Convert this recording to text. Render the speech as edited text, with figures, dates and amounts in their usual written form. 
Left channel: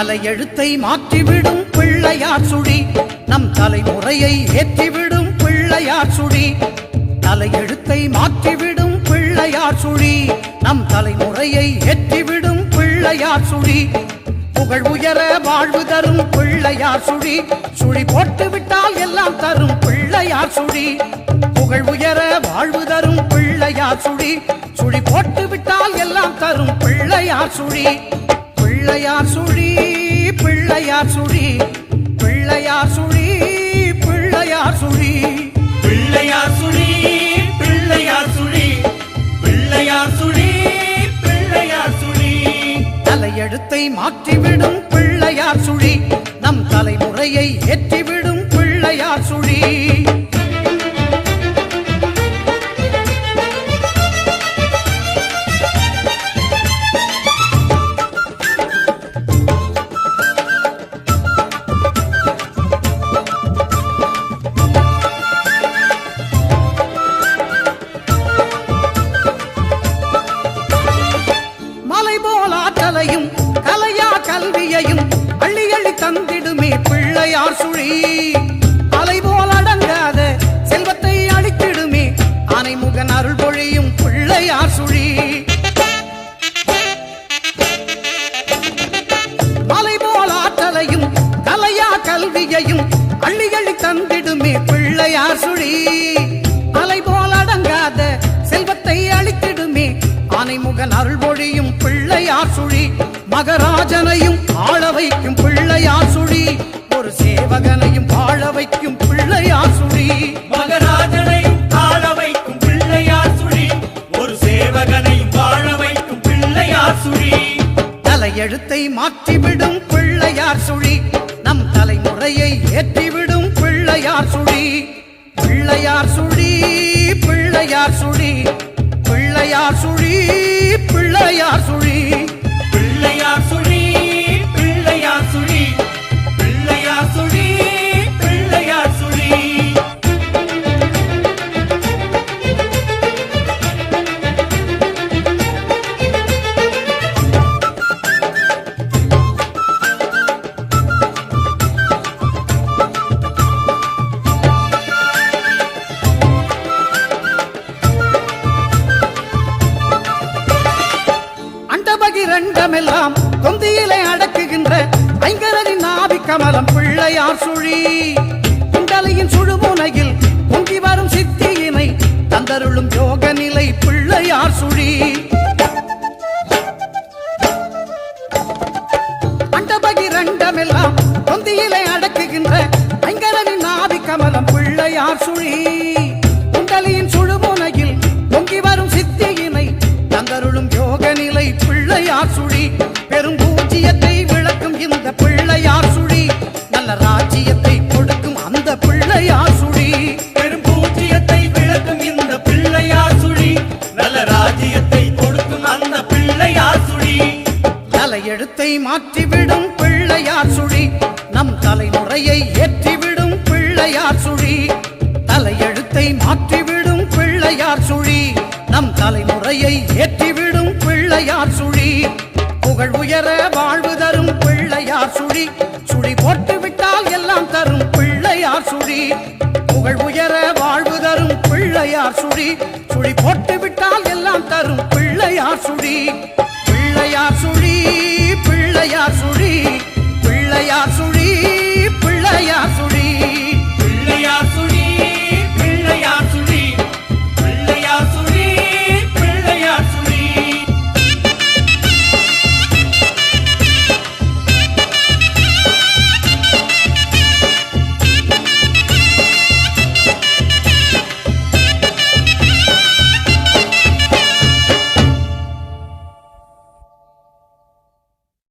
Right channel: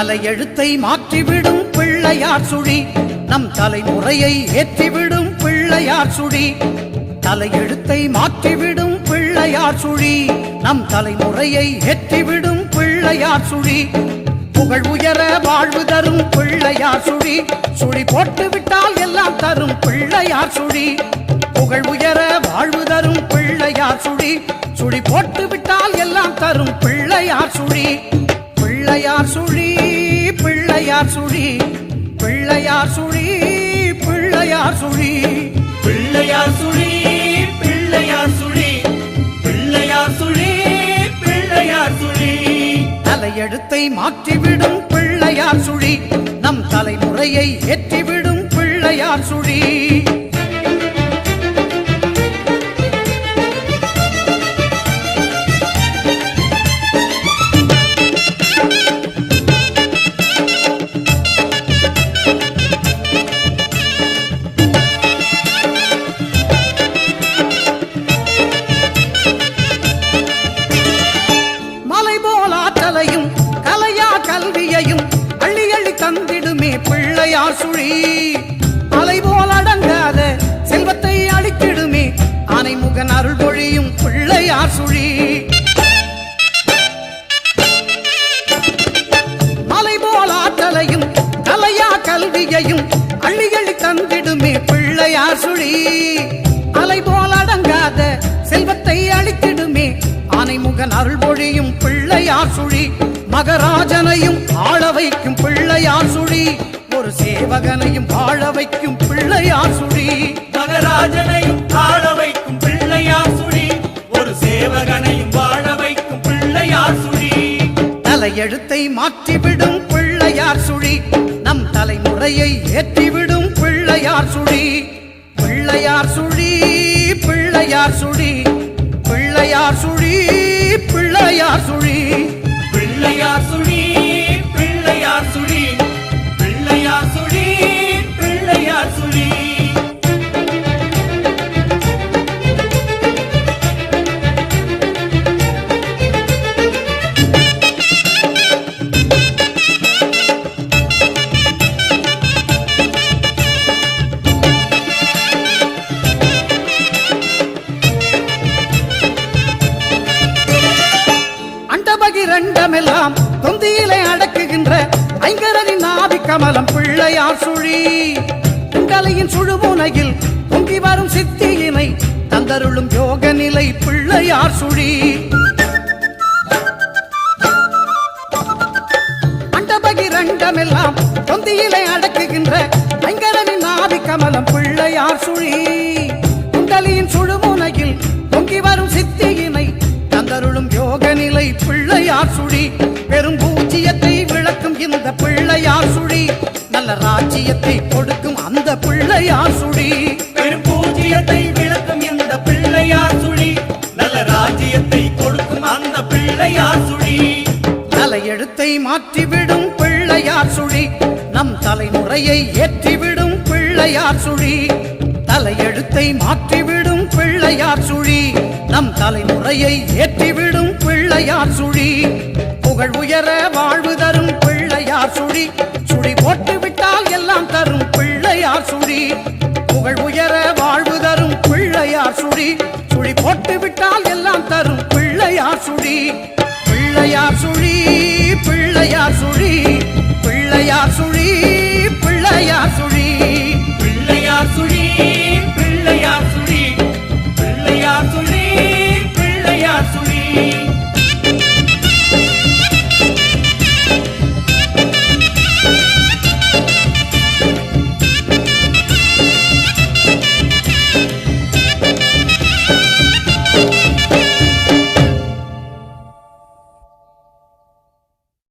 தலையெழுத்தை மாற்றிவிடும் பிள்ளையார் சுழி நம் தலைமுறையை ஏற்றிவிடும் பிள்ளையார் சுழி தலையெழுத்தை மாற்றிவிடும் பிள்ளையார் சுழி நம் தலைமுறையை ஏற்றிவிடும் பிள்ளையார் சுழி புகழ் உயர வாழ்வு தரும் பிள்ளையார் சுழி சுழி போட்டு விட்டால் எல்லாம் தரும் பிள்ளையார் சுழி புகழ் உயர வாழ்வு தரும் பிள்ளையார் சுழி சுழி போட்டு விட்டால் எல்லாம் தரும் பிள்ளையார் சுழி பிள்ளையார் சுழி பிள்ளையார் சுழி பிள்ளையார் சுழி பிள்ளையார் சுழி பிள்ளையார் சுழி பிள்ளையார் சுழி பிள்ளையார் சுழி பிள்ளையார் சுழி தலையெழுத்தை மாற்றிவிடும் பிள்ளையார் சுழி நம் தலைமுறையை ஏற்றிவிடும் பிள்ளையார் சுழி ஆற்றலையும் கலையா கல்வியையும் அள்ளி அள்ளி தந்திடுமே பிள்ளையார் சுழி அலைபோல் அடங்காத செல்வத்தை அளித்திடுமே ஆனைமுகன் அருள் பொழியும் பிள்ளையார் சுழி மலைபோல் ஆற்றலையும் கலையா கல்வியையும் அள்ளி அள்ளி தந்திடுமே பிள்ளையார் சுழி அலைபோல் அடங்காத செல்வத்தை அளித்திடுமே ஆனைமுகன் அருள் பொழியும் பிள்ளையார் சுழி மகராஜனையும் ஆள வைக்கும் பிள்ளையார் சுழி ஒரு சேவகனையும் வாழ வைக்கும் பிள்ளையார் சுழி மகராஜனையும் ஆள வைக்கும் பிள்ளையார் சுழி ஒரு சேவகனையும் வாழ வைக்கும் பிள்ளையார் சுழி தலையெழுத்தை மாற்றிவிடும் பிள்ளையார் சுழி நம் தலைமுறையை ஏற்றிவிடும் பிள்ளையார் சுழி பிள்ளையார் சுழி பிள்ளையார் சுழி பிள்ளையார் சுழி பிள்ளையார் சுழி பிள்ளையார் சுழி பிள்ளையார் சுழி பிள்ளையார் சுழி பிள்ளையார் சுழி இரண்டமெல்லாம் தொந்தியிலே அடக்குகின்ற ஐங்கரனின் நாவி கமலம் பிள்ளையார் சுழி குண்டலையின் சுழுமுனையில் பொங்கி வரும் சித்தியினை தந்தருளும் யோக நிலை பிள்ளையார் சுழி அண்டபகிரண்டமெல்லாம் தொந்தியிலே அடக்குகின்ற ஐங்கரனின் நாவி கமலம் பிள்ளையார் சுழி குண்டலியின் சுழுமுனையில் பொங்கி வரும் சித்தியினை தந்தருளும் யோக நிலை பிள்ளையார் சுழி பெரும் பூஜ்ஜியத்தை விளக்கும் இந்த பிள்ளையார் சுழி நல்ல ராஜ்ஜியத்தை கொடுக்கும் அந்த பிள்ளையார் சுழி பெரும் பூஜ்ஜியத்தை விளக்கும் இந்த பிள்ளையார் சுழி நல்ல ராஜ்ஜியத்தை கொடுக்கும் அந்த பிள்ளையார் சுழி தலையெழுத்தை மாற்றிவிடும் பிள்ளையார் சுழி நம் தலைமுறையை ஏற்றிவிடும் பிள்ளையார் சுழி தலையெழுத்தை மாற்றிவிடும் பிள்ளையார் சுழி நம் தலைமுறையை ஏற்றிவிடும் பிள்ளையார் சுழி புகழ் உயர வாழ்வு தரும் பிள்ளையார் சுழி சுழி போட்டு விட்டால் எல்லாம் தரும் பிள்ளையார் சுழி புகழ் உயர வாழ்வு தரும் பிள்ளையார் சுழி சுழி போட்டு விட்டால் எல்லாம் தரும் பிள்ளையார் சுழி பிள்ளையார் சுழி பிள்ளையார் சுழி பிள்ளையார் சுழி பிள்ளையார் சுழி பிள்ளையார் சுழி